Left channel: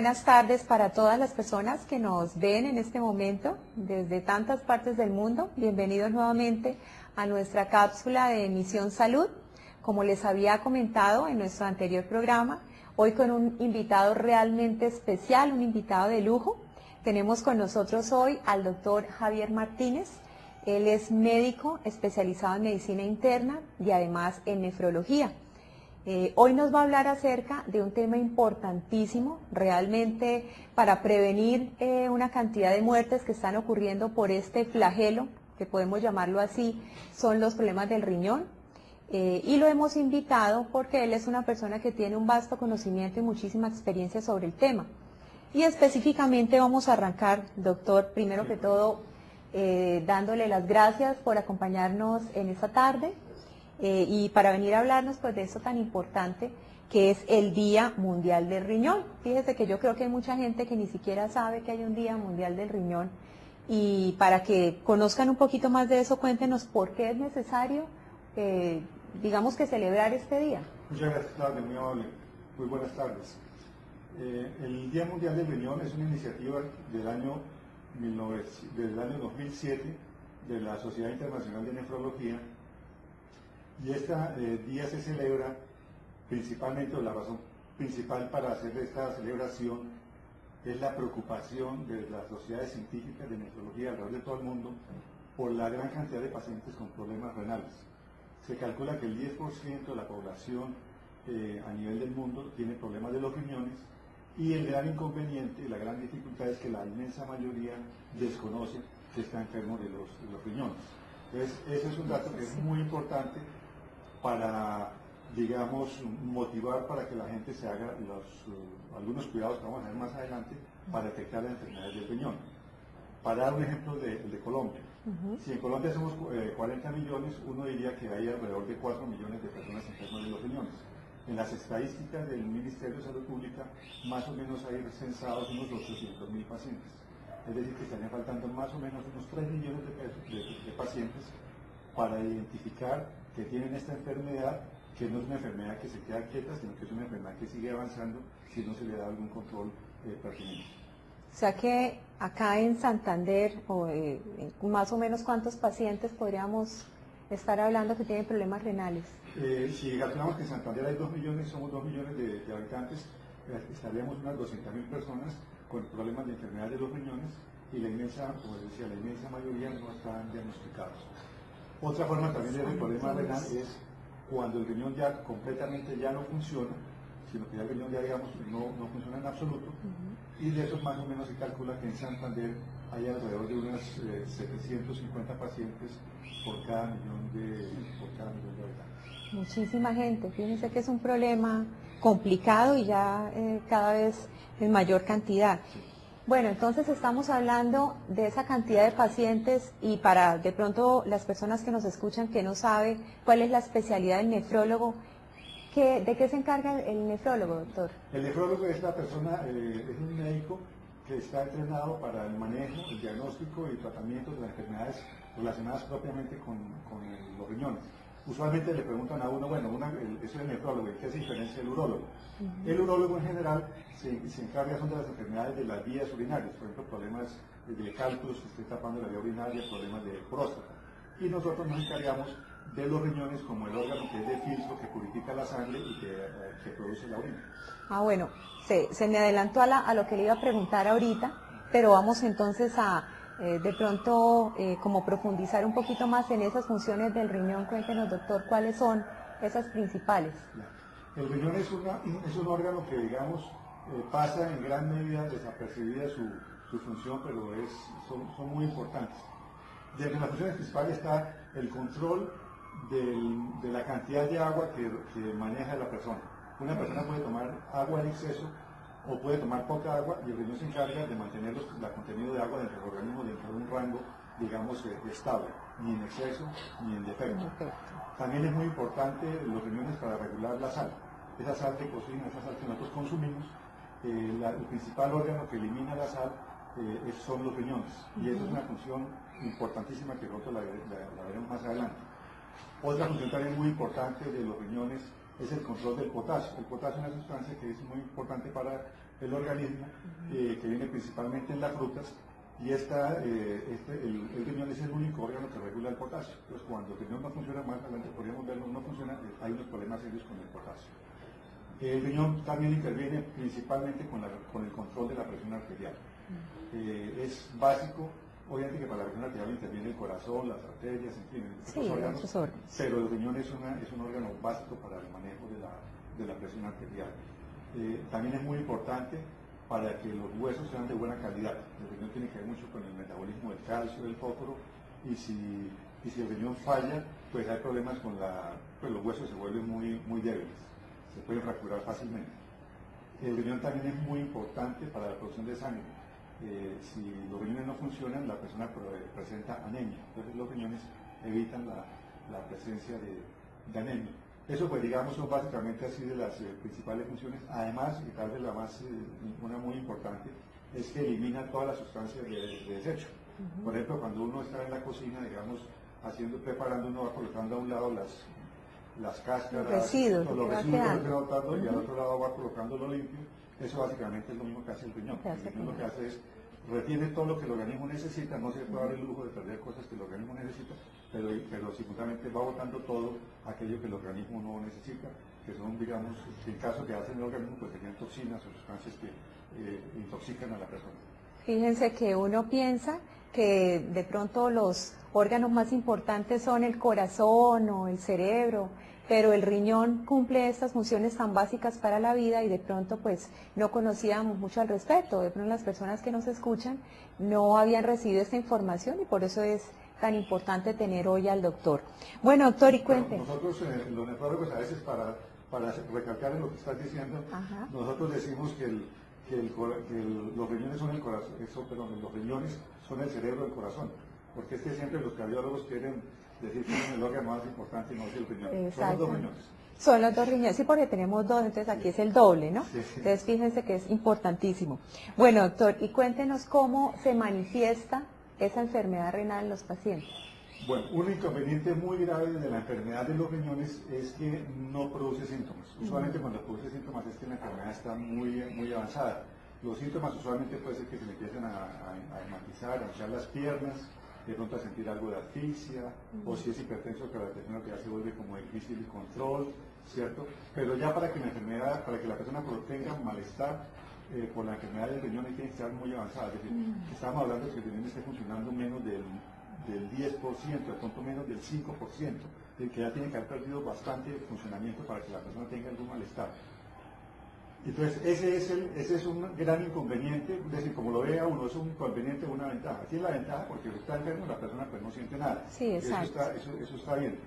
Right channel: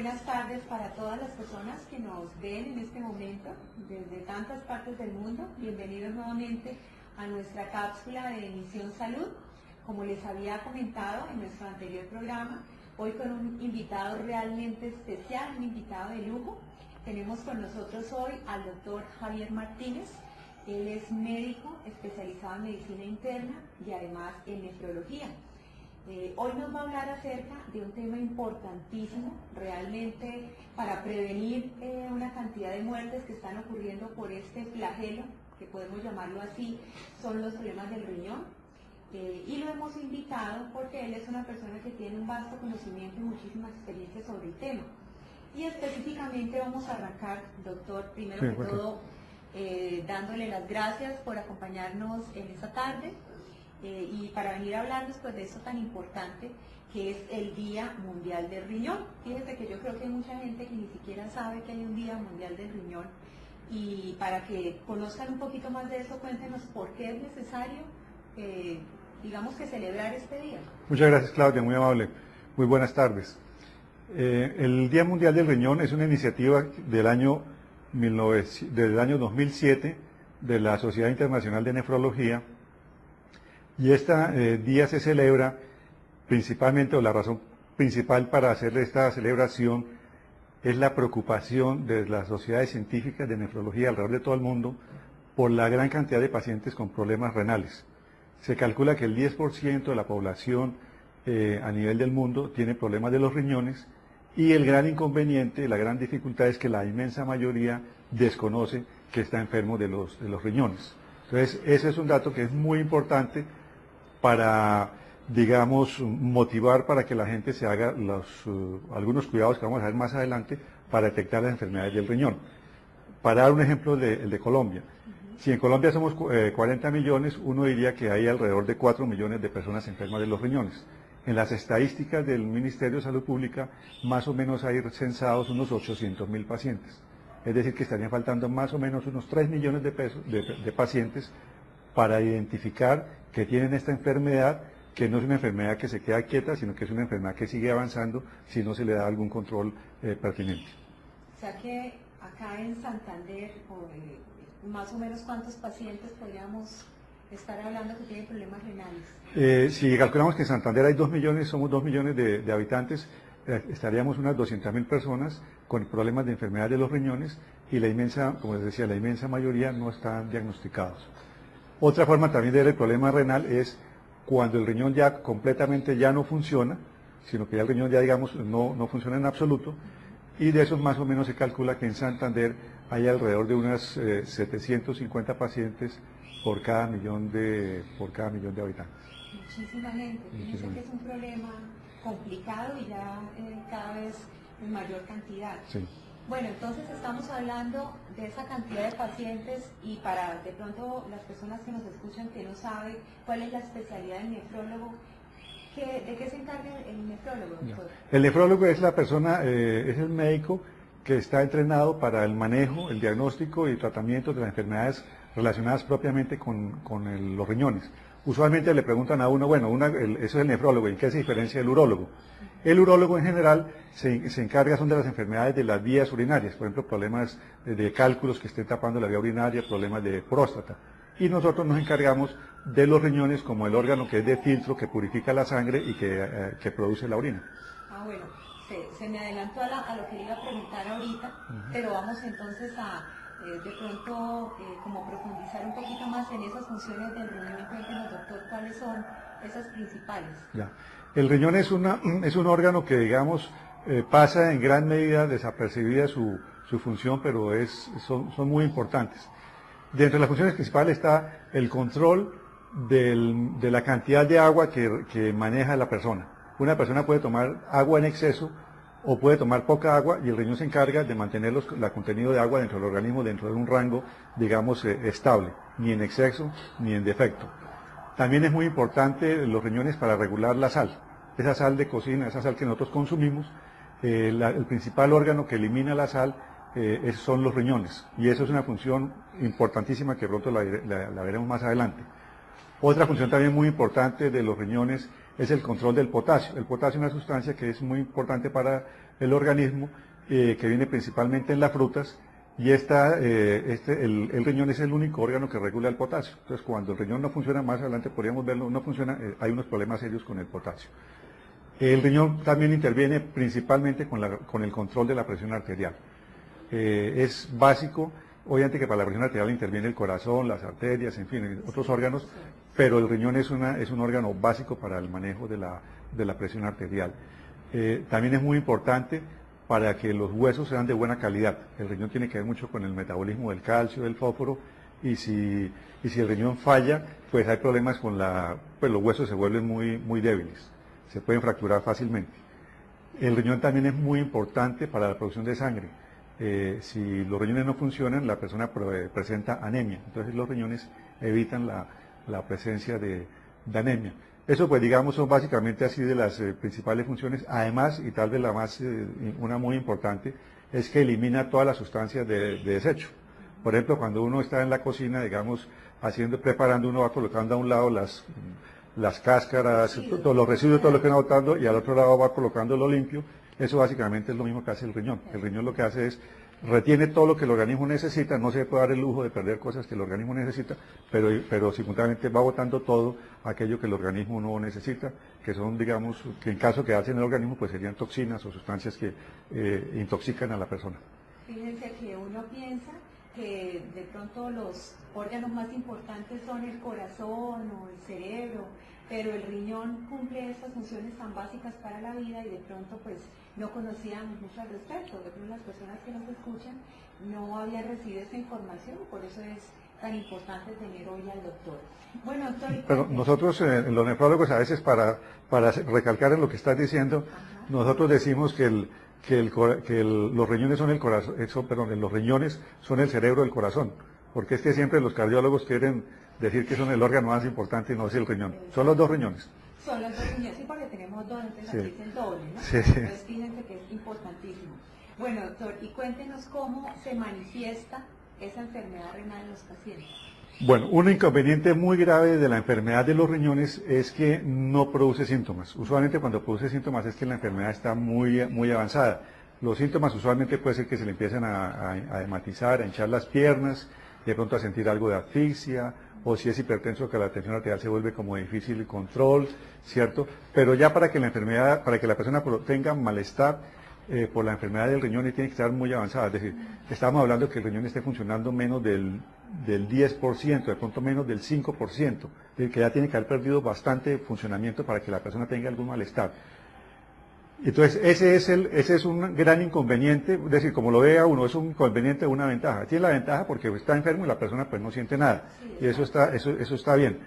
buenas tardes para todas las personas que nos ven en este momento desde tantas partes del mundo. Bienvenidos nuevamente a nuestra cápsula de Misión Salud. Como les había comentado en nuestro anterior programa, hoy con un invitado realmente especial, un invitado de lujo. Tenemos con nosotros hoy al doctor Javier Martínez. Él es médico especializado en medicina interna y además en nefrología. Hoy nos va a hablar acerca de un tema importantísimo, realmente para prevenir una cantidad de muertes que están ocurriendo por este flagelo, que podemos llamarlo así, son los problemas del riñón. Y lo hemos invitado porque él es una persona que tiene un vasto conocimiento y muchísima experiencia sobre el tema. Y específicamente vamos a arrancar, doctor, primero que todo, dándole las gracias por acompañarnos en esta tarde. Y para venir a hablarnos pues de esto tan importante que es el Día Mundial del Riñón. Fíjese que yo creo que hay mucha gente que ni siquiera sabe que hay un Día Mundial del Riñón, y para que conozcan un poquito más de eso, cuéntenos por qué es necesario, digamos, que celebrar este día. Muchas gracias, Claudia, muy amable. Muy buenas tardes. El Día Mundial del Riñón es una iniciativa del año 2007 de la Sociedad Internacional de Nefrología. Y este día se celebra principalmente, o la razón principal para hacer esta celebración es la preocupación de las sociedades científicas de nefrología alrededor de todo el mundo por la gran cantidad de pacientes con problemas renales. Se calcula que el 10% de la población a nivel del mundo tiene problemas de los riñones, y el gran inconveniente, la gran dificultad es que la inmensa mayoría desconoce que está enfermo de los riñones. Entonces, ese es un dato que es muy importante para, digamos, motivar para que la gente se haga algunos cuidados que vamos a ver más adelante para detectar las enfermedades del riñón. Para dar un ejemplo el de Colombia. Si en Colombia somos 40 millones, uno diría que hay alrededor de 4 millones de personas enfermas de los riñones. En las estadísticas del Ministerio de Salud Pública, más o menos hay censados unos 800.000 pacientes. Es decir, que estarían faltando más o menos unos 3 millones de pacientes para identificar que tienen esta enfermedad, que no es una enfermedad que se queda quieta, sino que es una enfermedad que sigue avanzando si no se le da algún control pertinente. O sea que acá en Santander, más o menos ¿cuántos pacientes podríamos estar hablando que tienen problemas renales? Si calculamos que en Santander hay 2 millones, somos 2 millones de habitantes, estaríamos unas 200.000 personas con problemas de enfermedad de los riñones, y la inmensa, como les decía, la inmensa mayoría no están diagnosticados. Otra forma también de ver el problema renal es cuando el riñón ya completamente ya no funciona, sino que ya el riñón ya, digamos, no funciona en absoluto, y de esos más o menos se calcula que en Santander hay alrededor de unas 750 pacientes por cada millón de habitantes. Muchísima gente, fíjense que es un problema complicado y ya cada vez en mayor cantidad. Sí. Bueno, entonces estamos hablando de esa cantidad de pacientes, y para de pronto las personas que nos escuchan que no saben cuál es la especialidad del nefrólogo, ¿de qué se encarga el nefrólogo, doctor? El nefrólogo es la persona, es el médico que está entrenado para el manejo, el diagnóstico y tratamiento de las enfermedades relacionadas propiamente con los riñones. Usualmente le preguntan a uno, bueno, eso es el nefrólogo, ¿en qué se diferencia del urólogo? El urólogo en general se encarga son de las enfermedades de las vías urinarias, por ejemplo, problemas de cálculos que estén tapando la vía urinaria, problemas de próstata. Y nosotros nos encargamos de los riñones como el órgano que es de filtro, que purifica la sangre y que produce la orina. Ah, bueno, se me adelantó a lo que le iba a preguntar ahorita, pero vamos entonces a de pronto como profundizar un poquito más en esas funciones del riñón. Cuéntenos, doctor, ¿cuáles son esas principales? Ya. El riñón es un órgano que, digamos, pasa en gran medida desapercibida su función, pero son muy importantes. Dentro de las funciones principales está el control de la cantidad de agua que maneja la persona. Una persona puede tomar agua en exceso o puede tomar poca agua, y el riñón se encarga de mantener el contenido de agua dentro del organismo dentro de un rango, digamos, estable, ni en exceso ni en defecto. También es muy importante los riñones para regular la sal, esa sal de cocina, esa sal que nosotros consumimos. El principal órgano que elimina la sal son los riñones, y eso es una función importantísima que pronto la veremos más adelante. Otra función también muy importante de los riñones es el control del potasio. El potasio es una sustancia que es muy importante para el organismo, que viene principalmente en las frutas, y el riñón es el único órgano que regula el potasio. Entonces, cuando el riñón no funciona, más adelante podríamos verlo, no funciona, hay unos problemas serios con el potasio. El riñón también interviene principalmente con el control de la presión arterial. Es básico, obviamente que para la presión arterial interviene el corazón, las arterias, en fin, otros órganos, pero el riñón es un órgano básico para el manejo de la presión arterial. También es muy importante para que los huesos sean de buena calidad. El riñón tiene que ver mucho con el metabolismo del calcio, del fósforo, y si el riñón falla, pues hay problemas pues los huesos se vuelven muy débiles, se pueden fracturar fácilmente. El riñón también es muy importante para la producción de sangre. Si los riñones no funcionan, la persona presenta anemia. Entonces los riñones evitan la presencia de anemia. Eso pues digamos son básicamente así de las principales funciones. Además, y tal vez una muy importante, es que elimina todas las sustancias de desecho. Por ejemplo, cuando uno está en la cocina, digamos, preparando, uno va colocando a un lado las cáscaras, todos los residuos, todo lo que va botando, y al otro lado va colocando lo limpio. Eso básicamente es lo mismo que hace el riñón. El riñón lo que hace es retiene todo lo que el organismo necesita, no se puede dar el lujo de perder cosas que el organismo necesita, pero simultáneamente va botando todo aquello que el organismo no necesita, que son, digamos, que en caso que hacen el organismo, pues serían toxinas o sustancias que intoxican a la persona. Fíjense que uno piensa que de pronto los órganos más importantes son el corazón o el cerebro, pero el riñón cumple estas funciones tan básicas para la vida y de pronto pues no conocíamos mucho al respecto. De pronto las personas que nos escuchan no habían recibido esta información y por eso es tan importante tener hoy al doctor. Bueno, doctor, y cuénteme. Nosotros, los nefrólogos, a veces para recalcar en lo que estás diciendo, nosotros decimos que los riñones son el corazón, los riñones son el cerebro del corazón, porque es que siempre los cardiólogos quieren decir que son el órgano más importante y no es el riñón. Exacto. Son los dos riñones. Son los dos riñones, sí, porque tenemos dos, entonces aquí es el doble, ¿no? Sí. Entonces fíjense que es importantísimo. Bueno, doctor, y cuéntenos cómo se manifiesta esa enfermedad renal en los pacientes. Bueno, un inconveniente muy grave de la enfermedad de los riñones es que no produce síntomas. Usualmente cuando produce síntomas es que la enfermedad está muy avanzada. Los síntomas usualmente puede ser que se le empiecen a hematizar, a hinchar las piernas, de pronto a sentir algo de asfixia, o si es hipertenso que la tensión arterial se vuelve como difícil el control, ¿cierto? Pero ya para que la persona tenga malestar por la enfermedad del riñón tiene que estar muy avanzada, es decir, estamos hablando de que el riñón esté funcionando menos del 10%, de pronto menos del 5%, que ya tiene que haber perdido bastante funcionamiento para que la persona tenga algún malestar. Entonces, ese es un gran inconveniente, es decir, como lo vea uno, es un inconveniente o una ventaja. Tiene la ventaja porque está enfermo y la persona pues no siente nada. Sí, y eso está bien.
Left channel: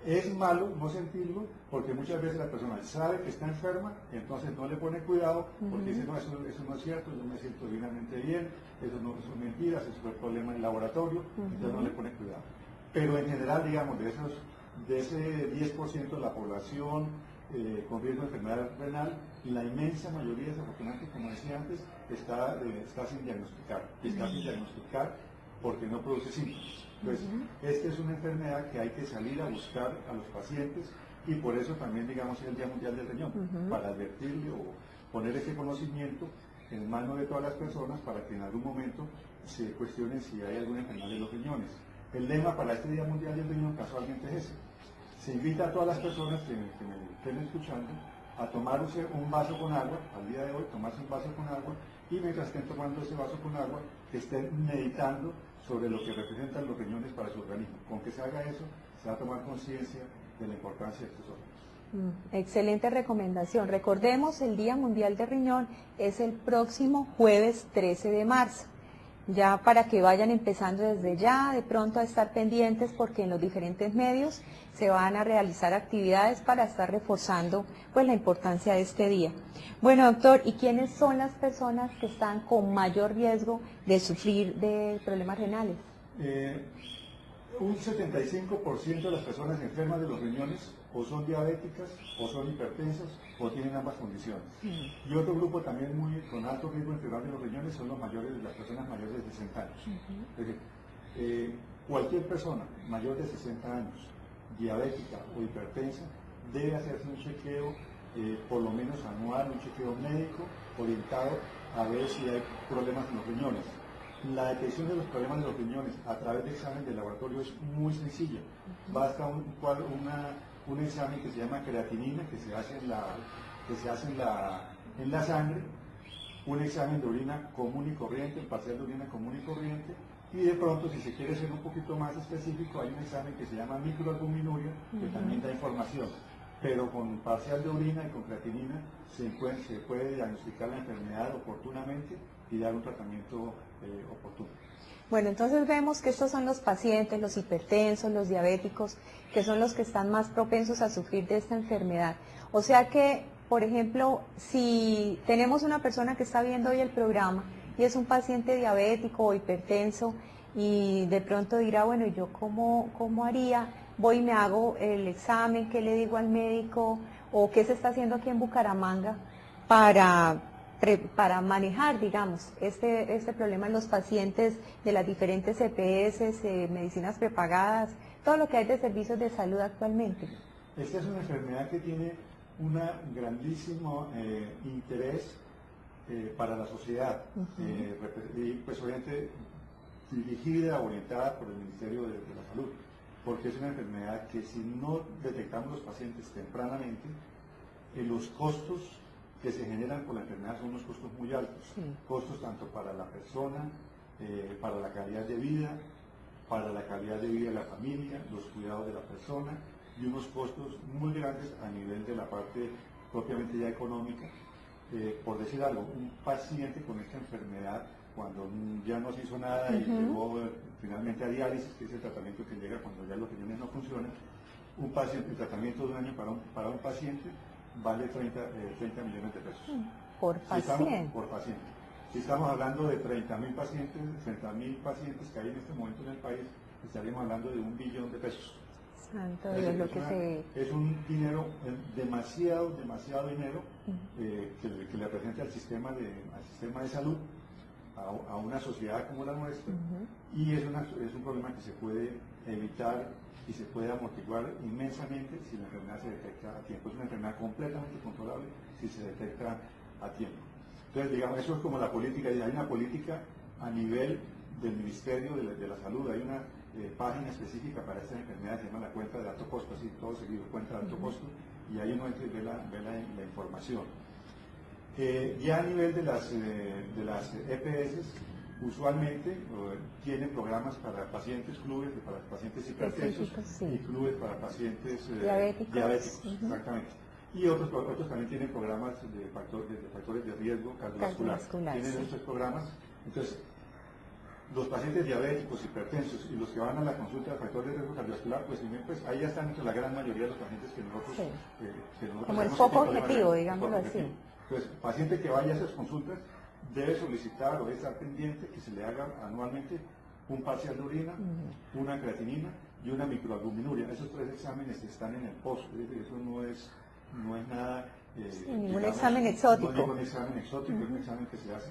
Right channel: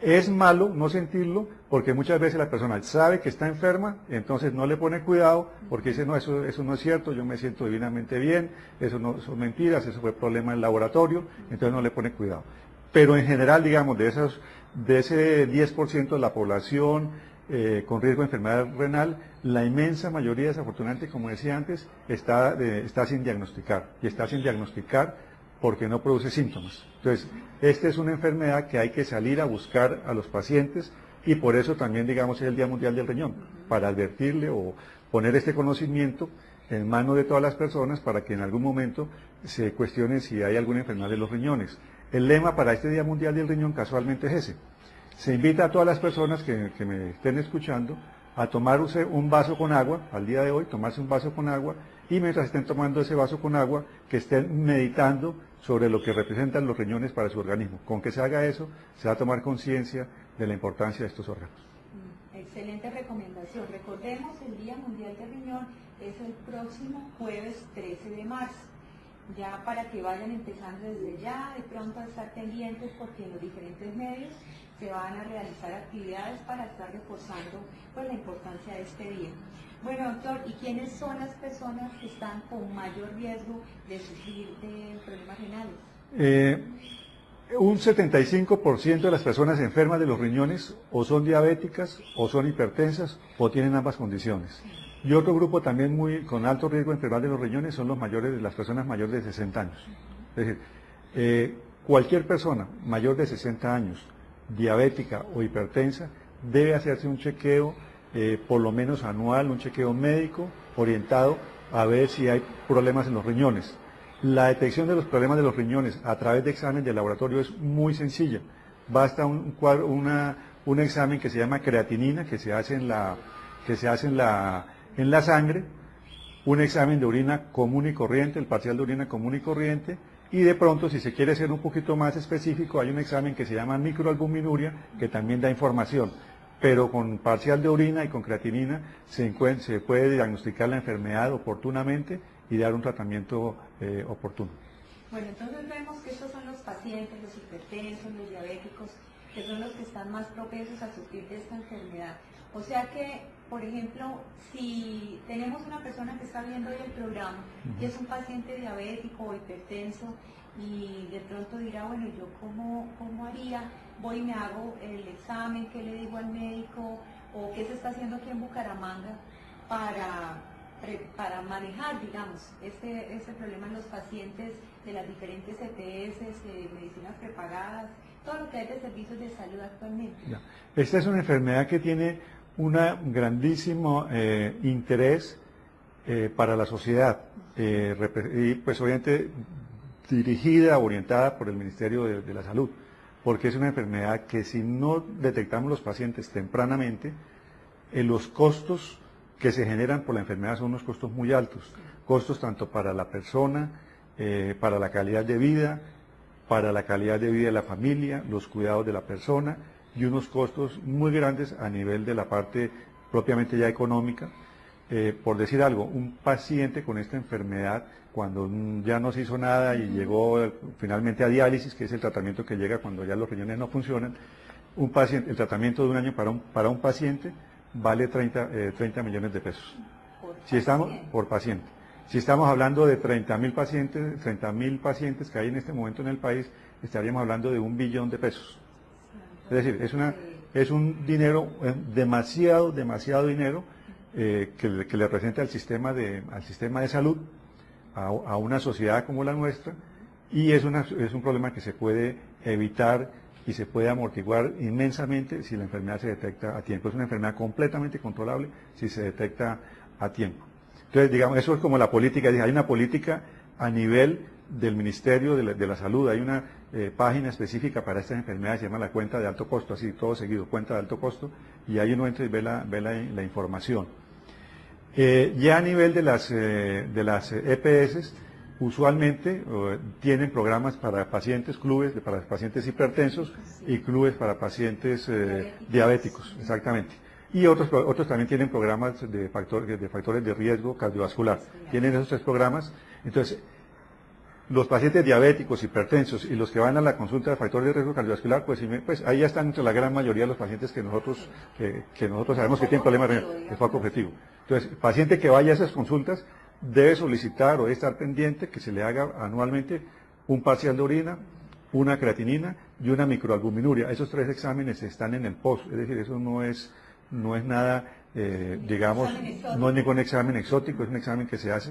Es malo no sentirlo porque muchas veces la persona sabe que está enferma, entonces no le pone cuidado porque dice, no, eso no es cierto, yo me siento divinamente bien, eso no son mentiras, eso fue problema del laboratorio, entonces no le pone cuidado. Pero en general, digamos, de ese 10% de la población con riesgo de enfermedad renal, la inmensa mayoría, desafortunadamente, como decía antes, está sin diagnosticar. Y está sin diagnosticar porque no produce síntomas. Entonces, esta es una enfermedad que hay que salir a buscar a los pacientes y por eso también, digamos, es el Día Mundial del Riñón, para advertirle o poner este conocimiento en manos de todas las personas para que en algún momento se cuestione si hay alguna enfermedad de los riñones. El lema para este Día Mundial del Riñón casualmente es ese. Se invita a todas las personas que me estén escuchando a tomarse un vaso con agua, al día de hoy, tomarse un vaso con agua, y mientras estén tomando ese vaso con agua, que estén meditando sobre lo que representan los riñones para su organismo. Con que se haga eso, se va a tomar conciencia de la importancia de estos órganos. Excelente recomendación. Recordemos, el Día Mundial del Riñón es el próximo jueves 13 de marzo. Ya para que vayan empezando desde ya, de pronto a estar pendientes porque en los diferentes medios se van a realizar actividades para estar reforzando pues la importancia de este día. Bueno, doctor, ¿y quiénes son las personas que están con mayor riesgo de sufrir de problemas renales? Un 75% de las personas enfermas de los riñones o son diabéticas o son hipertensas o tienen ambas condiciones. Y otro grupo también con alto riesgo de enfermar de los riñones son las personas mayores de 60 años. Es decir, cualquier persona mayor de 60 años, diabética o hipertensa, debe hacerse un chequeo por lo menos anual, un chequeo médico orientado a ver si hay problemas en los riñones. La detección de los problemas de los riñones a través de exámenes de laboratorio es muy sencilla. Basta un examen que se llama creatinina, que se hace en la sangre, un examen de orina común y corriente, el parcial de orina común y corriente, y de pronto, si se quiere ser un poquito más específico, hay un examen que se llama microalbuminuria, que también da información, pero con parcial de orina y con creatinina se puede diagnosticar la enfermedad oportunamente y dar un tratamiento oportuno. Bueno, entonces vemos que estos son los pacientes, los hipertensos, los diabéticos, que son los que están más propensos a sufrir de esta enfermedad. O sea que, por ejemplo, si tenemos una persona que está viendo hoy el programa y es un paciente diabético o hipertenso y de pronto dirá, bueno, ¿yo cómo haría? Voy y me hago el examen, ¿qué le digo al médico? ¿O qué se está haciendo aquí en Bucaramanga para manejar, digamos, este problema en los pacientes de las diferentes EPS, medicinas prepagadas, todo lo que hay de servicios de salud actualmente? Esta es una enfermedad que tiene un grandísimo interés para la sociedad, y pues obviamente dirigida, orientada por el Ministerio de la Salud, porque es una enfermedad que si no detectamos los pacientes tempranamente, los costos que se generan por la enfermedad son unos costos muy altos, costos tanto para la persona, para la calidad de vida, para la calidad de vida de la familia, los cuidados de la persona, y unos costos muy grandes a nivel de la parte propiamente ya económica. Por decir algo, un paciente con esta enfermedad, cuando ya no se hizo nada y llegó finalmente a diálisis, que es el tratamiento que llega cuando ya los riñones no funcionan, el tratamiento de un año para un paciente vale 30 millones de pesos. Por paciente. Si estamos hablando de 30.000 pacientes que hay en este momento en el país, estaríamos hablando de 1 billón de pesos. Es decir, es un dinero, demasiado dinero que le representa al sistema de salud, a una sociedad como la nuestra, y es un problema que se puede evitar y se puede amortiguar inmensamente si la enfermedad se detecta a tiempo. Es una enfermedad completamente controlable si se detecta a tiempo. Entonces, digamos, eso es como la política. Hay una política a nivel del Ministerio de la Salud, hay una página específica para estas enfermedades, se llama la cuenta de alto costo, así todo seguido, cuenta de alto costo, y ahí uno entra y ve la información. Ya a nivel de las EPS, usualmente tienen programas para pacientes, clubes para pacientes hipertensos y clubes para pacientes diabéticos, exactamente. Y otros también tienen programas de factores de riesgo cardiovascular. Tienen esos 3 programas. Entonces, los pacientes diabéticos, hipertensos y los que van a la consulta de factores de riesgo cardiovascular, pues ahí ya están entre la gran mayoría de los pacientes que nosotros sabemos que tienen problemas de foco objetivo. Entonces, el paciente que vaya a esas consultas debe solicitar o debe estar pendiente que se le haga anualmente un parcial de orina, una creatinina y una microalbuminuria. Esos 3 exámenes están en el POS, es decir, eso no es nada, digamos, no es ningún examen exótico, es un examen que se hace,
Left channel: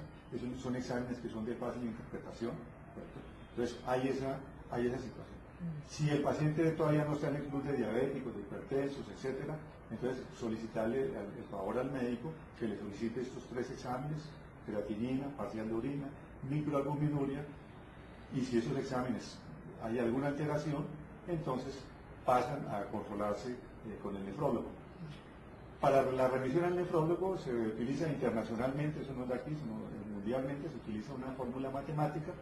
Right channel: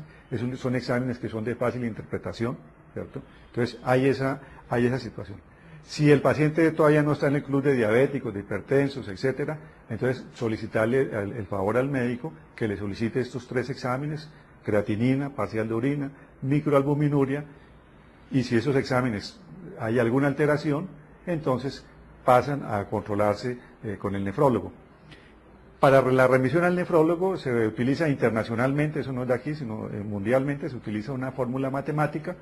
son exámenes que son de fácil interpretación, ¿cierto? Entonces hay esa situación. Si el paciente todavía no está en el club de diabéticos, de hipertensos, etcétera, entonces solicitarle el favor al médico que le solicite estos 3 exámenes, creatinina, parcial de orina, microalbuminuria, y si esos exámenes hay alguna alteración, entonces pasan a controlarse con el nefrólogo. Para la remisión al nefrólogo se utiliza internacionalmente, eso no es de aquí, sino mundialmente, se utiliza una fórmula matemática.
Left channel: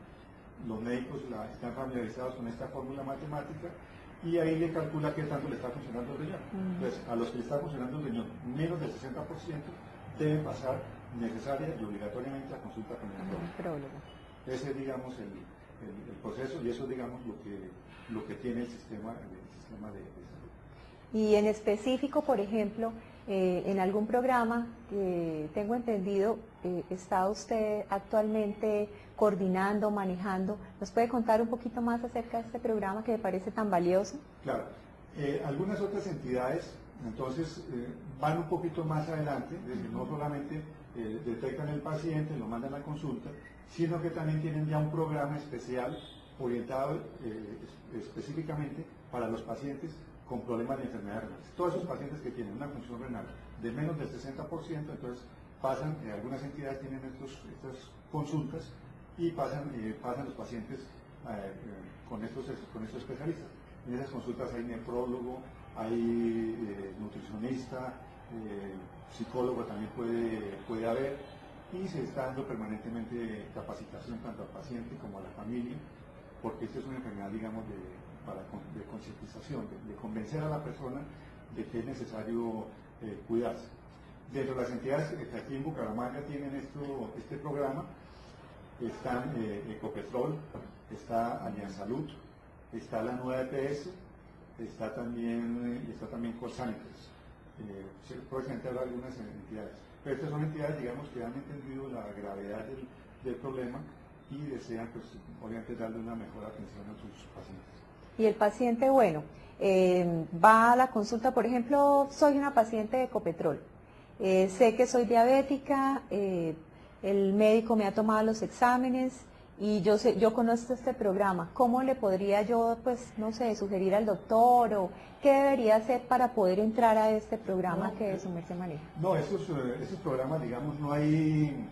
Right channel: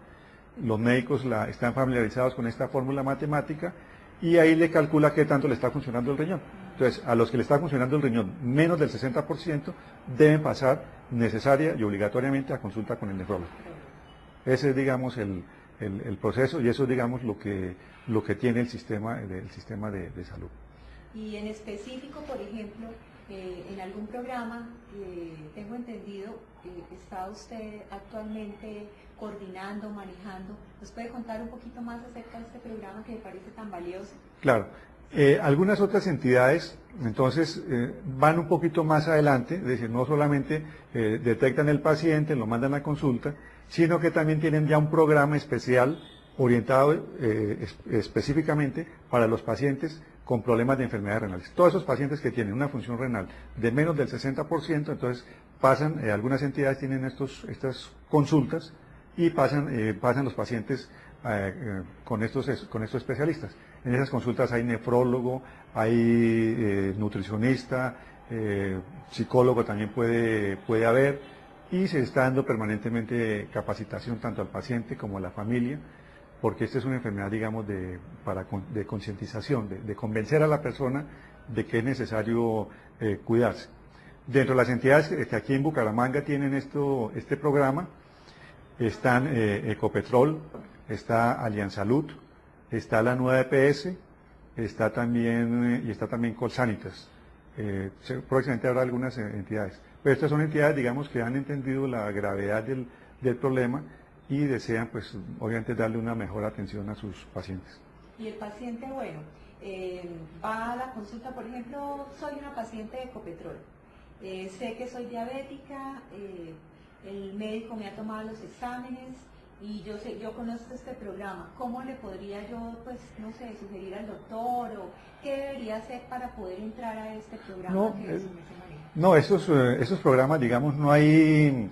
Los médicos están familiarizados con esta fórmula matemática y ahí le calcula qué tanto le está funcionando el riñón. Entonces, a los que le está funcionando el riñón menos del 60%, deben pasar necesaria y obligatoriamente a consulta con el nefrólogo. Ese es, digamos, el proceso, y eso es, digamos, lo que tiene el sistema de salud. Y en específico, por ejemplo, en algún programa, tengo entendido, está usted actualmente coordinando, manejando. ¿Nos puede contar un poquito más acerca de este programa que me parece tan valioso? Claro. Algunas otras entidades, entonces, van un poquito más adelante, es decir, no solamente detectan el paciente, lo mandan a consulta, sino que también tienen ya un programa especial orientado específicamente para los pacientes con problemas de enfermedades renales. Todos esos pacientes que tienen una función renal de menos del 60%, entonces pasan, algunas entidades tienen estas consultas y pasan los pacientes con estos especialistas. En esas consultas hay nefrólogo, hay nutricionista, psicólogo también puede haber, y se está dando permanentemente capacitación tanto al paciente como a la familia, porque esta es una enfermedad, digamos, de concientización, de convencer a la persona de que es necesario cuidarse. Dentro de las entidades que aquí en Bucaramanga tienen este programa, están Ecopetrol, está Aliansalud, está la nueva EPS, está también Colsanitas. Próximamente habrá algunas entidades. Pero estas son entidades, digamos, que han entendido la gravedad del problema y desean, pues, obviamente darle una mejor atención a sus pacientes. Y el paciente, bueno, va a la consulta, por ejemplo, soy una paciente de Ecopetrol, sé que soy diabética, el médico me ha tomado los exámenes y yo conozco este programa. ¿Cómo le podría yo, pues, no sé, sugerir al doctor o qué debería hacer para poder entrar a este programa que su merced maneja? No, esos programas, digamos, es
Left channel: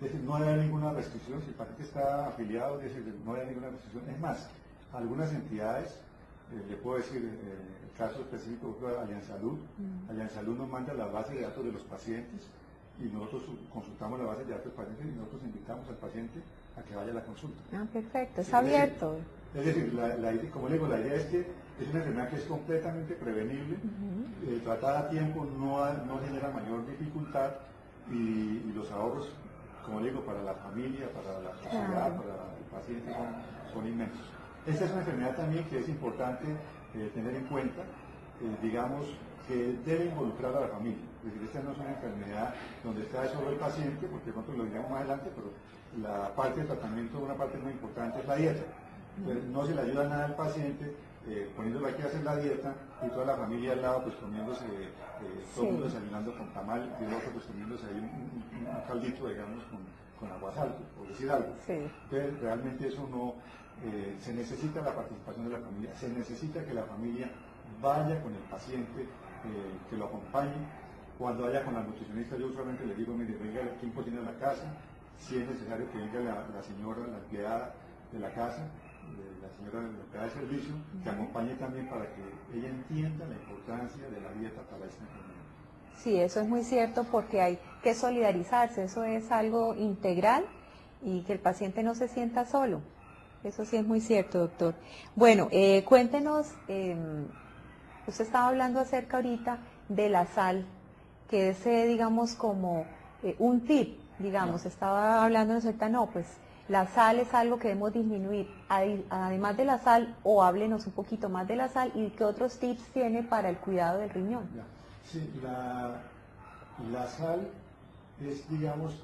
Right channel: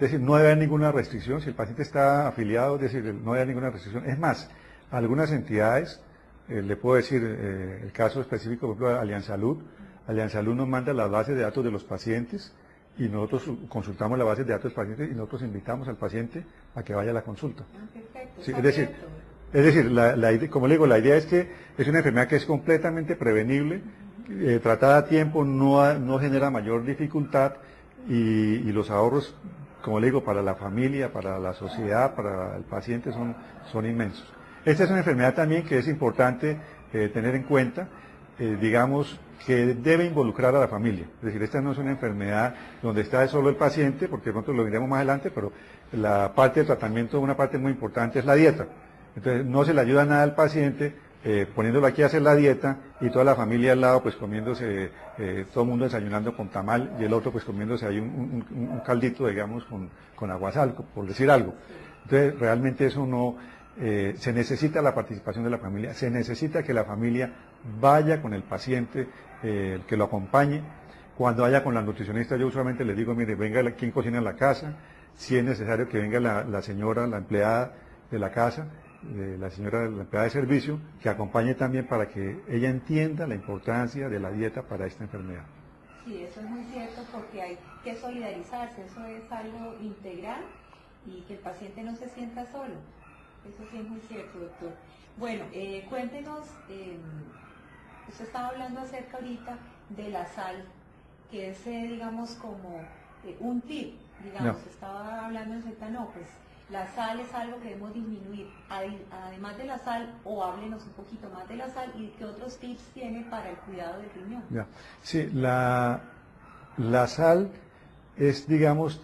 decir, no debe haber ninguna restricción. Si el paciente está afiliado, es decir, no debe haber ninguna restricción. Es más, algunas entidades, le puedo decir el caso específico, por ejemplo, Aliansalud. Aliansalud nos manda las bases de datos de los pacientes y nosotros consultamos la base de datos del paciente y nosotros invitamos al paciente a que vaya a la consulta. Ah, perfecto, Sí, está abierto. Es decir, como le digo, la idea es que es una enfermedad que es completamente prevenible, tratada a tiempo, no genera mayor dificultad y los ahorros, como le digo, para la familia, para la sociedad, para el paciente son inmensos. Esta es una enfermedad también que es importante tener en cuenta, digamos, que debe involucrar a la familia. Es decir, esta no es una enfermedad donde está solo el paciente, porque de pronto lo veremos más adelante, pero la parte de tratamiento, una parte muy importante es la dieta. Entonces, no se le ayuda nada al paciente poniéndolo aquí a hacer la dieta y toda la familia al lado pues comiéndose, todo el mundo desayunando con tamal y el otro pues comiéndose ahí un caldito, digamos, con aguasal, por decir algo. Sí. Entonces, realmente eso no... se necesita la participación de la familia, se necesita que la familia vaya con el paciente, que lo acompañe. Cuando vaya con la nutricionista, yo usualmente les digo, mire, venga quien cocina en la casa, si es necesario que venga la señora, la empleada de la casa, la empleada de servicio, que acompañe también para que ella entienda la importancia de la dieta para esta enfermedad. Sí, eso es muy cierto porque hay que solidarizarse, eso es algo integral y que el paciente no se sienta solo. Eso sí es muy cierto, doctor. Bueno, cuéntenos, usted estaba hablando acerca ahorita de la sal, que es, digamos, como un tip, digamos, estaba hablando acerca, no, pues la sal es algo que debemos disminuir. Además de la sal, o háblenos un poquito más de la sal y qué otros tips tiene para el cuidado del riñón. Ya. Sí, la sal es, digamos,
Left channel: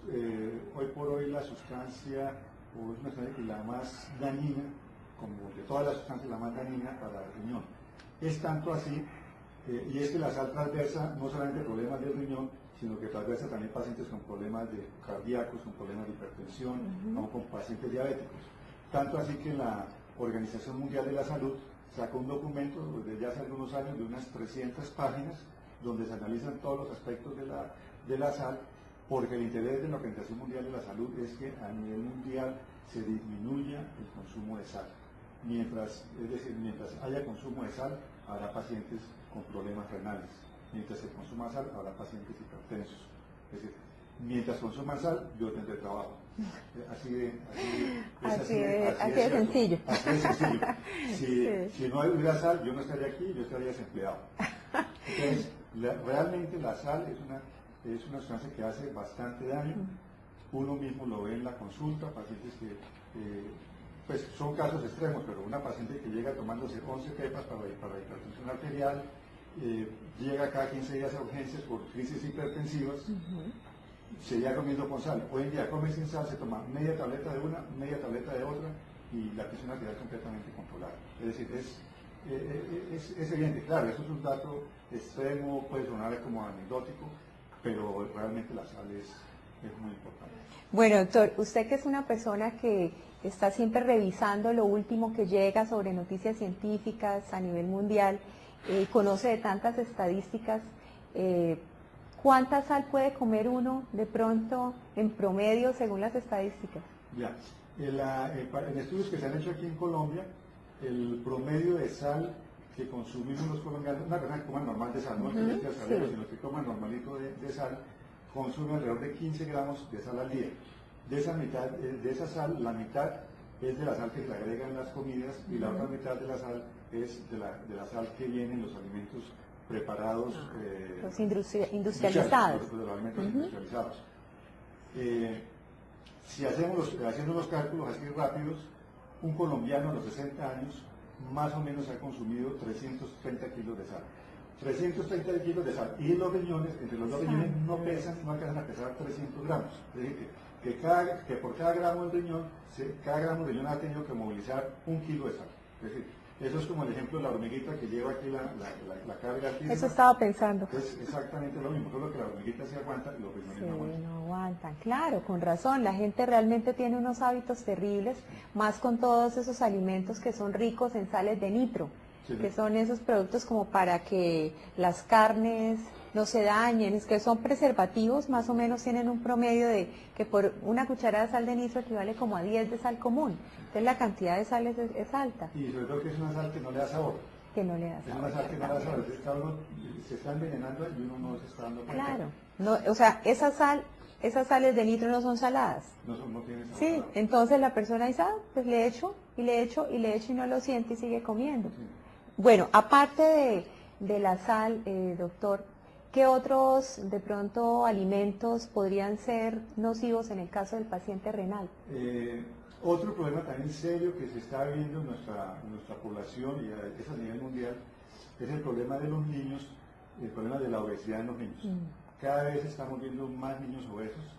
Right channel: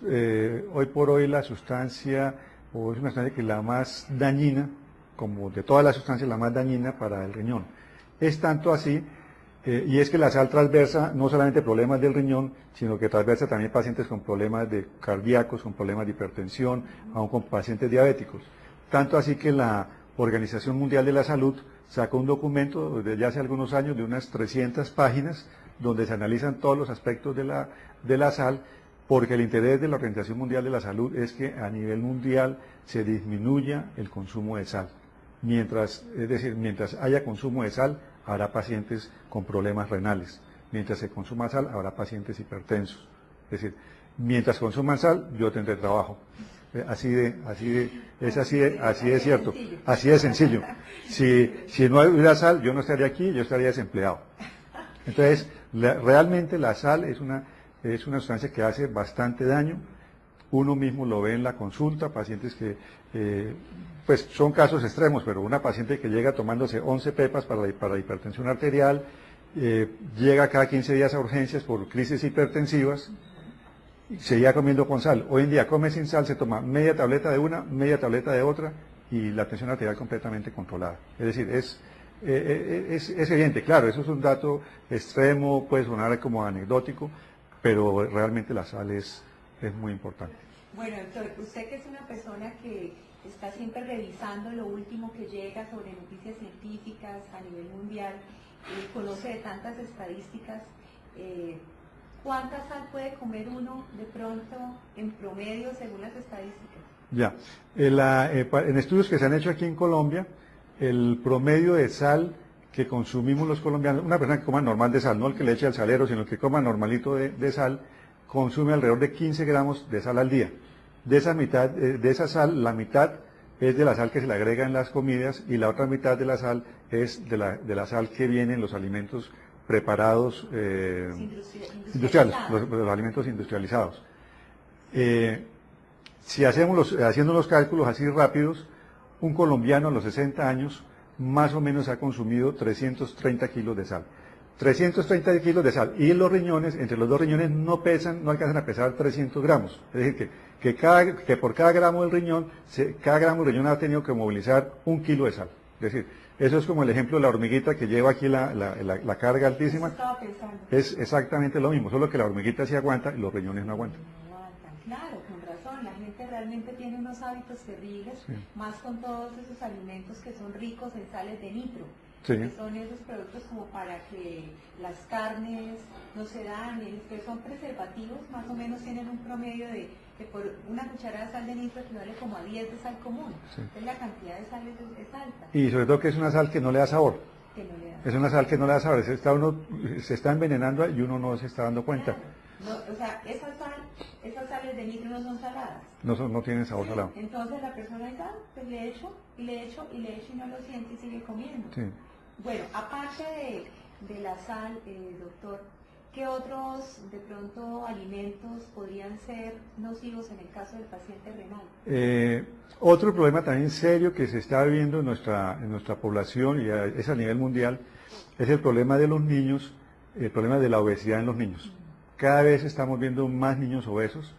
hoy por hoy la sustancia, o es una sustancia que es la más dañina, como de todas las sustancias, la más dañina para el riñón. Es tanto así, y es que la sal transversa no solamente problemas del riñón, sino que transversa también pacientes con problemas cardíacos, con problemas de hipertensión, aún con pacientes diabéticos. Tanto así que la Organización Mundial de la Salud sacó un documento desde ya hace algunos años de unas 300 páginas, donde se analizan todos los aspectos de la sal, porque el interés de la Organización Mundial de la Salud es que a nivel mundial se disminuya el consumo de sal. Es decir, mientras haya consumo de sal, habrá pacientes con problemas renales. Mientras se consuma sal, habrá pacientes hipertensos. Es decir, mientras consuman sal, yo tendré trabajo. Así de cierto. Sencillo. Así de sencillo. Si no hubiera sal, yo no estaría aquí, yo estaría desempleado. Entonces, realmente la sal es una sustancia que hace bastante daño. Uno mismo lo ve en la consulta, pacientes que, pues son casos extremos, pero una paciente que llega tomándose 11 pepas para hipertensión arterial, llega cada 15 días a urgencias por crisis hipertensivas, seguía comiendo con sal. Hoy en día come sin sal, se toma media tableta de una, media tableta de otra y la tensión arterial completamente controlada. Es decir, es evidente, claro, eso es un dato extremo, puede sonar como anecdótico, pero realmente la sal es muy importante. Bueno, doctor, usted que es una persona que está siempre revisando lo último que llega sobre noticias científicas a nivel mundial, conoce de tantas estadísticas, ¿cuánta sal puede comer uno de pronto en promedio según las estadísticas? Ya, en estudios que se han hecho aquí en Colombia, el promedio de sal que consumimos los colombianos, una persona que coma normal de sal, no el que le eche al salero, sino el que coma normalito de sal, consume alrededor de 15 gramos de sal al día. De esa sal, la mitad es de la sal que se le agrega en las comidas y la otra mitad de la sal es de la sal que viene en los alimentos preparados, industrializados. Los alimentos industrializados. Si haciendo los cálculos así rápidos, un colombiano a los 60 años más o menos ha consumido 330 kilos de sal. 330 kilos de sal. Y los riñones, entre los dos riñones no alcanzan a pesar 300 gramos. Es decir, que por cada gramo del riñón, cada gramo del riñón ha tenido que movilizar 1 kilo de sal. Es decir, eso es como el ejemplo de la hormiguita que lleva aquí la carga altísima. Eso estaba pensando. Es exactamente lo mismo, solo que la hormiguita sí aguanta y los riñones no aguantan. No aguantan, claro, con razón. La gente realmente tiene unos hábitos terribles, más con todos esos alimentos que son ricos en sales de nitro. Sí. Que son esos productos como para que las carnes no se dañen, es que son preservativos, más o menos tienen un promedio de que por una cucharada de sal de nitro equivale como a 10 de sal común. Sí. Entonces la cantidad de sal es alta. Y sobre todo que es una sal que no le da sabor. Que no le da sabor. Es una sal que no le da sabor, se está envenenando y uno no se está dando cuenta. Claro. No, o sea, esas sales de nitro no son saladas. No tienen sabor salado. Entonces la persona dice, pues le echo y no lo siente y sigue comiendo. Sí. Bueno, aparte de la sal, doctor, ¿qué otros de pronto alimentos podrían ser nocivos en el caso del paciente renal? Otro problema también serio que se está viendo en nuestra población y es a nivel mundial es el problema de los niños, el problema de la obesidad en los niños. Cada vez estamos viendo más niños obesos.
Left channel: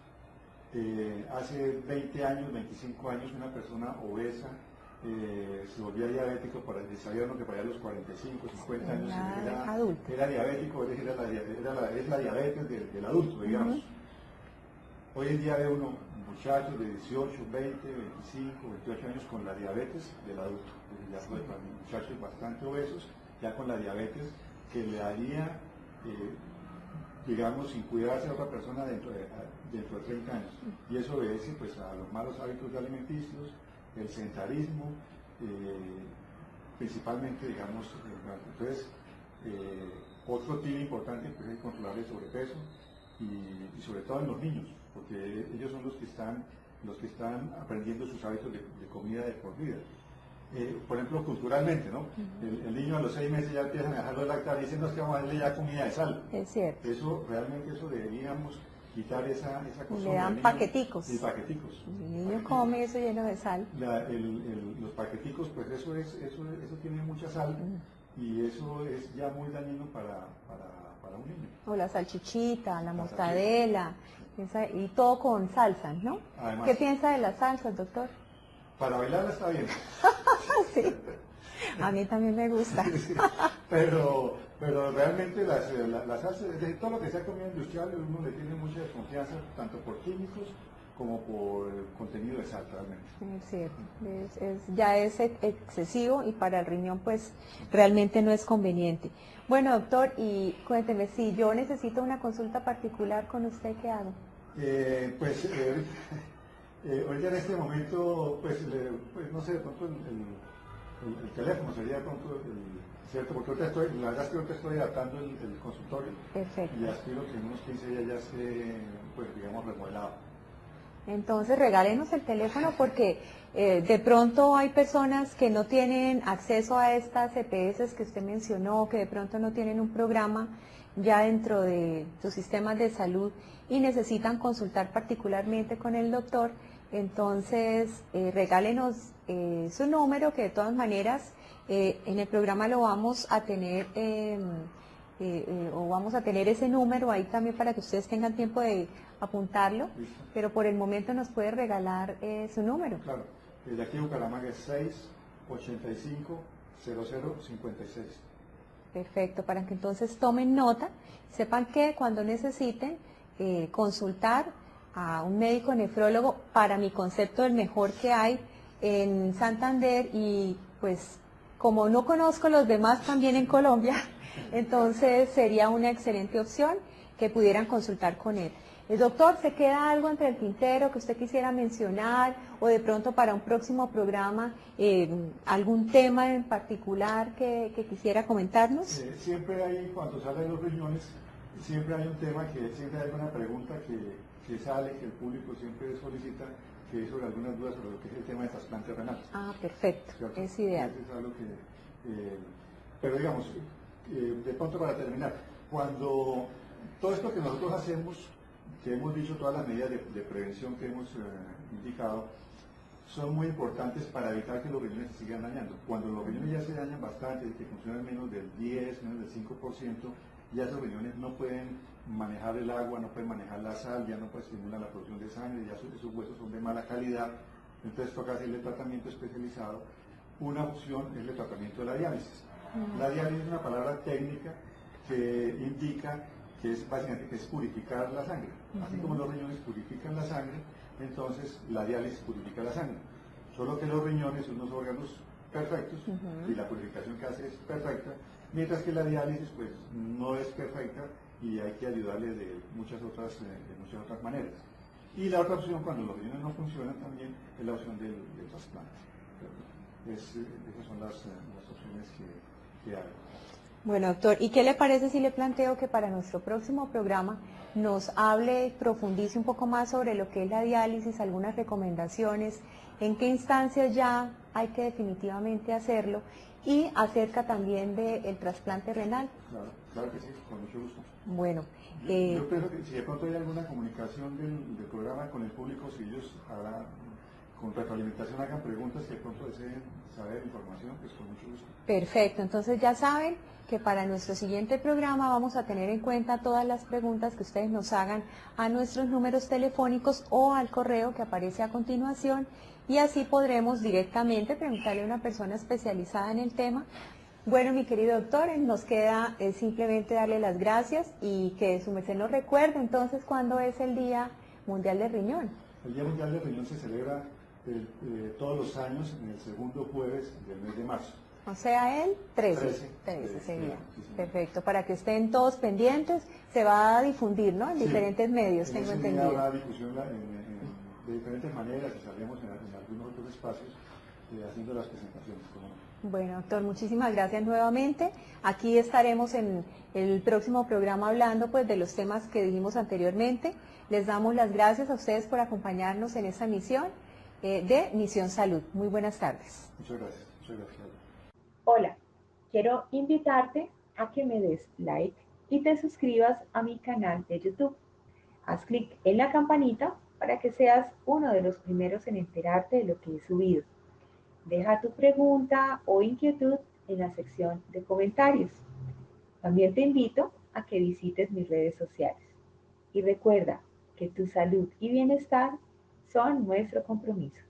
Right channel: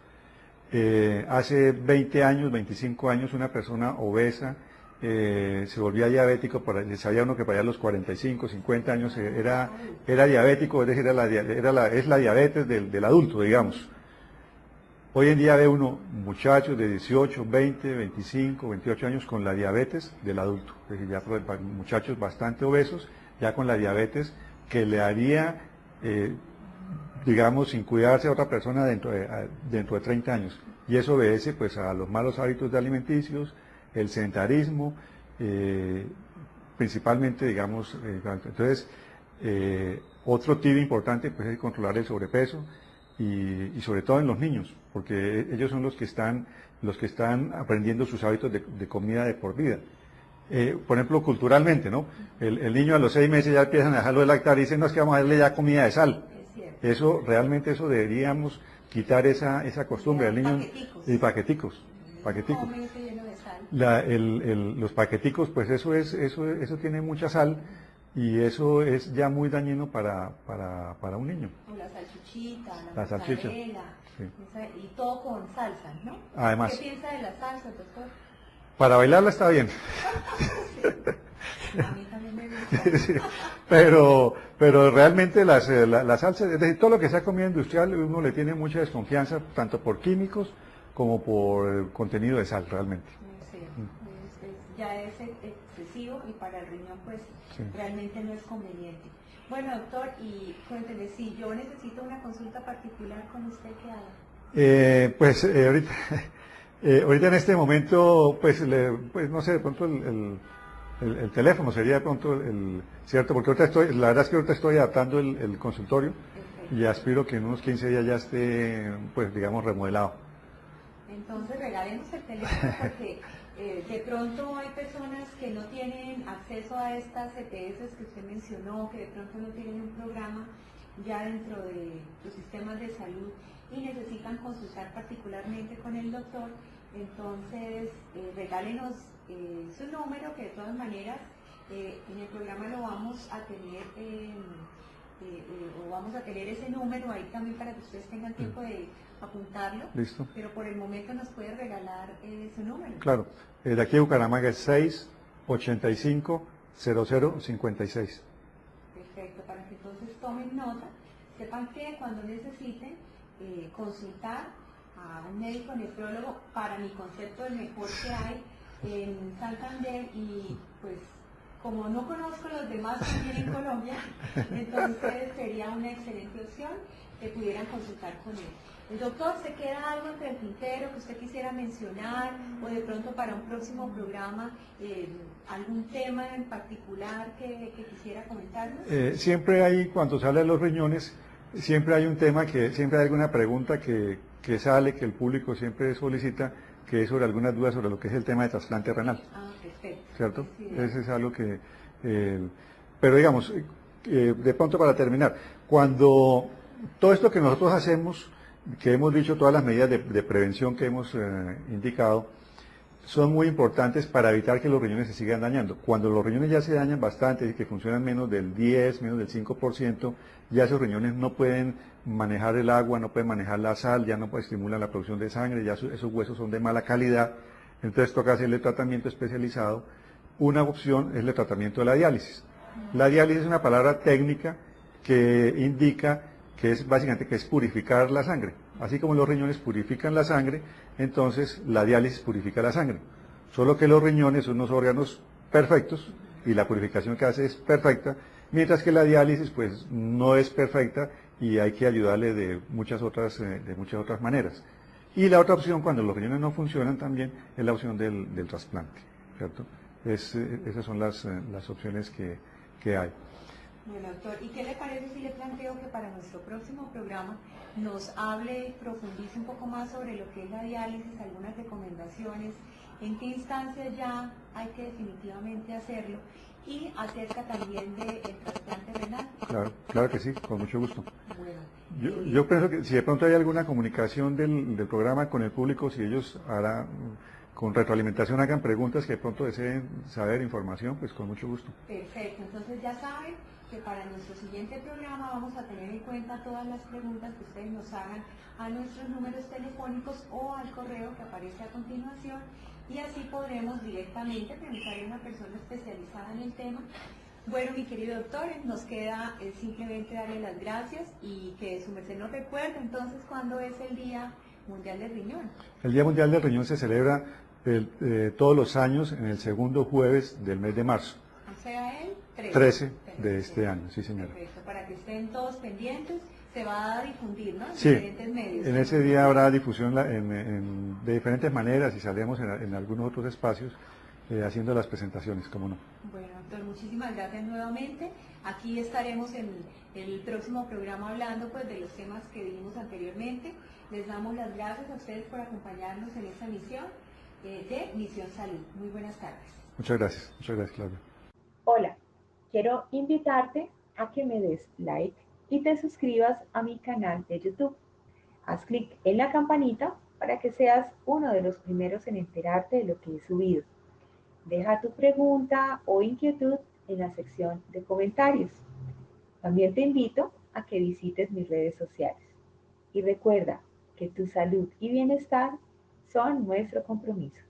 Hace 20 años, 25 años, una persona obesa se volvía diabético, sabía uno que para allá a los 45, 50 años era diabético, es decir, es la diabetes del adulto, digamos. Hoy en día ve uno muchachos de 18, 20, 25, 28 años con la diabetes del adulto, es decir, ya muchachos bastante obesos, ya con la diabetes que le haría, digamos, sin cuidarse a otra persona dentro de 30 años. Y eso obedece pues a los malos hábitos alimenticios, el sedentarismo, principalmente, digamos, entonces, otro tip importante pues, es controlar el sobrepeso y sobre todo en los niños, porque ellos son los que están aprendiendo sus hábitos de comida de por vida. Por ejemplo, culturalmente, ¿no? El niño a los 6 meses ya empiezan a dejarlo de lactar y dicen, no, es que vamos a darle ya comida de sal. Es cierto. Eso deberíamos quitar esa costumbre del niño. Paqueticos. Y paqueticos. Paqueticos. Come eso lleno de sal. Los paqueticos, pues eso tiene mucha sal y eso es ya muy dañino para un niño. O la salchichita, la mortadela, sí. Y todo con salsa, ¿no? Además, ¿qué piensa de las salsas, doctor? Para bailarla está bien. Sí, a mí también me gusta. Sí, pero realmente las salsas, todo lo que sea comida industrial, uno le tiene mucha desconfianza, tanto por químicos como por el contenido de sal realmente. Sí, ya es excesivo y para el riñón pues realmente no es conveniente. Bueno, doctor, y cuénteme, si yo necesito una consulta particular con usted, ¿qué hago? Ahorita en este momento, pues no sé, de pronto el teléfono sería de pronto cierto, porque la verdad es que ahorita estoy adaptando el consultorio. Perfecto. Y aspiro que en unos 15 días ya esté, pues digamos, remodelado. Entonces regálenos el teléfono porque de pronto hay personas que no tienen acceso a estas EPS que usted mencionó, que de pronto no tienen un programa ya dentro de sus sistemas de salud y necesitan consultar particularmente con el doctor. Entonces regálenos su número, que de todas maneras en el programa lo vamos a tener o vamos a tener ese número ahí también para que ustedes tengan tiempo de apuntarlo. Listo. Pero por el momento nos puede regalar su número. Claro, de aquí a Bucaramanga es 685-0056. Perfecto, para que entonces tomen nota, sepan que cuando necesiten consultar a un médico nefrólogo, para mi concepto el mejor que hay en Santander, y pues como no conozco los demás también en Colombia, entonces sería una excelente opción que pudieran consultar con él. Doctor, ¿se queda algo entre el tintero que usted quisiera mencionar, o de pronto para un próximo programa algún tema en particular que quisiera comentarnos? Siempre hay, cuando sale de los riñones, siempre hay un tema, siempre hay alguna pregunta que sale, que el público siempre solicita, que es sobre algunas dudas sobre lo que es el tema de trasplante renal. Ah, perfecto. ¿Cierto? Es ideal. Entonces es algo que... pero digamos, de pronto para terminar, cuando todo esto que nosotros hacemos, que hemos dicho, todas las medidas de prevención que hemos indicado, son muy importantes para evitar que los riñones se sigan dañando. Cuando los riñones ya se dañan bastante y que funcionan menos del 10, menos del 5%, ya esos riñones no pueden manejar el agua, no pueden manejar la sal, ya no estimulan la producción de sangre, ya esos huesos son de mala calidad, entonces toca hacerle tratamiento especializado. Una opción es el tratamiento de la diálisis. La diálisis es una palabra técnica que indica que es básicamente que es purificar la sangre. Así como los riñones purifican la sangre, entonces la diálisis purifica la sangre. Solo que los riñones son unos órganos perfectos y la purificación que hace es perfecta, mientras que la diálisis pues no es perfecta y hay que ayudarle de muchas otras maneras. Y la otra opción, cuando los riñones no funcionan también, es la opción del trasplante, ¿cierto? Esas son las opciones que hay. Bueno, doctor, ¿y qué le parece si le planteo que para nuestro próximo programa nos hable, profundice un poco más sobre lo que es la diálisis, algunas recomendaciones, en qué instancias ya hay que definitivamente hacerlo, y acerca también del trasplante renal? Claro que sí, con mucho gusto. Bueno, yo pienso que si de pronto hay alguna comunicación del programa con el público, si ellos con retroalimentación hagan preguntas que de pronto deseen saber información, pues con mucho gusto. Perfecto, entonces ya saben que para nuestro siguiente programa vamos a tener en cuenta todas las preguntas que ustedes nos hagan a nuestros números telefónicos o al correo que aparece a continuación, y así podremos directamente preguntarle a una persona especializada en el tema. Bueno, mi querido doctor, nos queda simplemente darle las gracias y que su merced nos recuerde entonces cuándo es el Día Mundial del Riñón. El Día Mundial del Riñón se celebra todos los años en el segundo jueves del mes de marzo. O sea, el 13 de este año, sí señor. Perfecto, para que estén todos pendientes, se va a difundir, ¿no? En diferentes medios. En ese día habrá difusión de diferentes maneras y saldremos en algunos otros espacios haciendo las presentaciones, como no. Bueno, doctor, muchísimas gracias nuevamente. Aquí estaremos en el próximo programa hablando pues de los temas que dijimos anteriormente. Les damos las gracias a ustedes por acompañarnos en esta misión de Misión Salud. Muy buenas tardes. Muchas gracias, Claudia. Hola, quiero invitarte a que me des like y te suscribas a mi canal de YouTube. Haz clic en la campanita para que seas uno de los primeros en enterarte de lo que he subido. Deja tu pregunta o inquietud en la sección de comentarios. También te invito a que visites mis redes sociales. Y recuerda que tu salud y bienestar son nuestro compromiso.